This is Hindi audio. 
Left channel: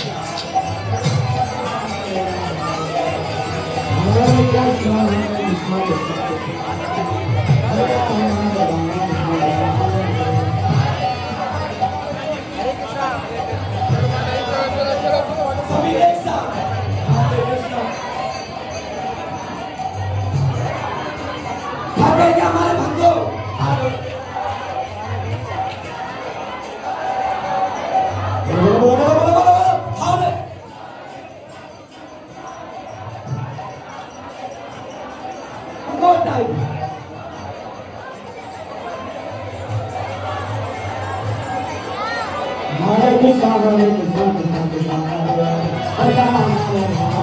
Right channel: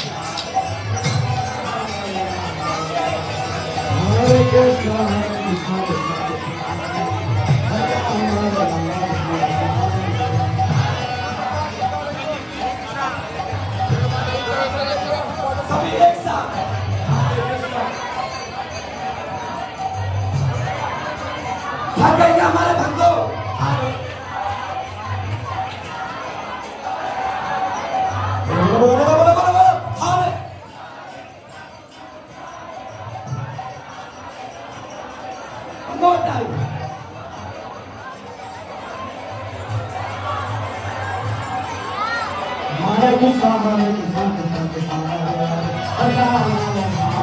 सभी एक साथ हमारे बंदो Hare Krishna, Hare Krishna, Krishna Krishna, Hare Hare, Hare Rama, Hare Rama.